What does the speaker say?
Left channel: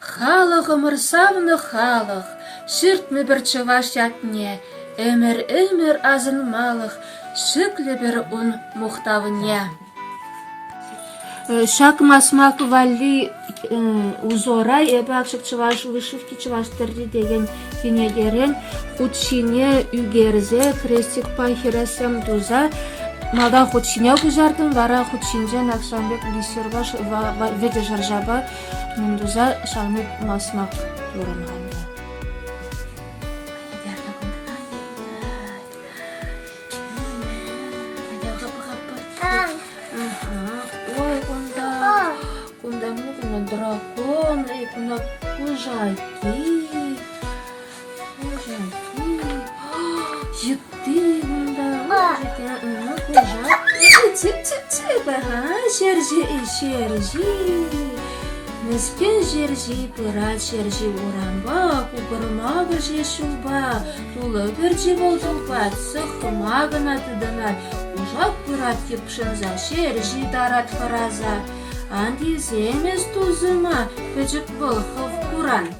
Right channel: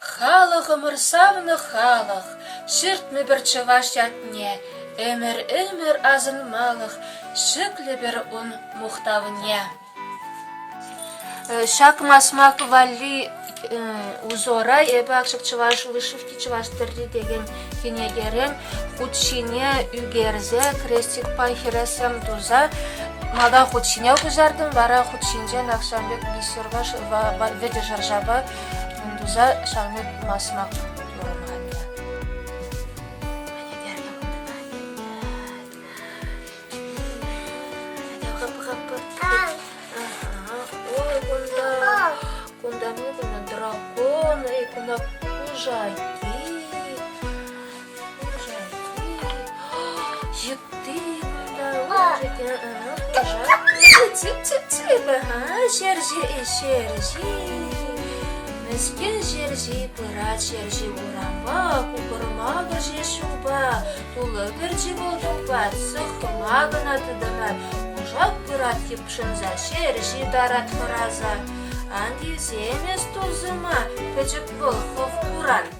Халық ымырсавны халық, шүртмі бір чываш ятне, өмір азынмалық, шүклі бір ұн мұқтавыне. Шак масмак валли узора эбі ақшық чываш вышивки чываш тірді деген кенегерен худшине үгерзе крестик пахирасам дуза малда худшине күжардым вара худшинже накшамбек бисербаш веде жаржаба мundуza шалмек масмак турынғанда. Ой, кунда дракон, кунда кужаки, жикти, шержи. Мескен жержи, пырат жержи оранба, купырмағы жешуба, тулы біржі болдың пат, сықымағына тыдымар, ұжақ пырат кепшінза, жержи дарат фараза, анди земес тузыма, күжік бұл қов құран.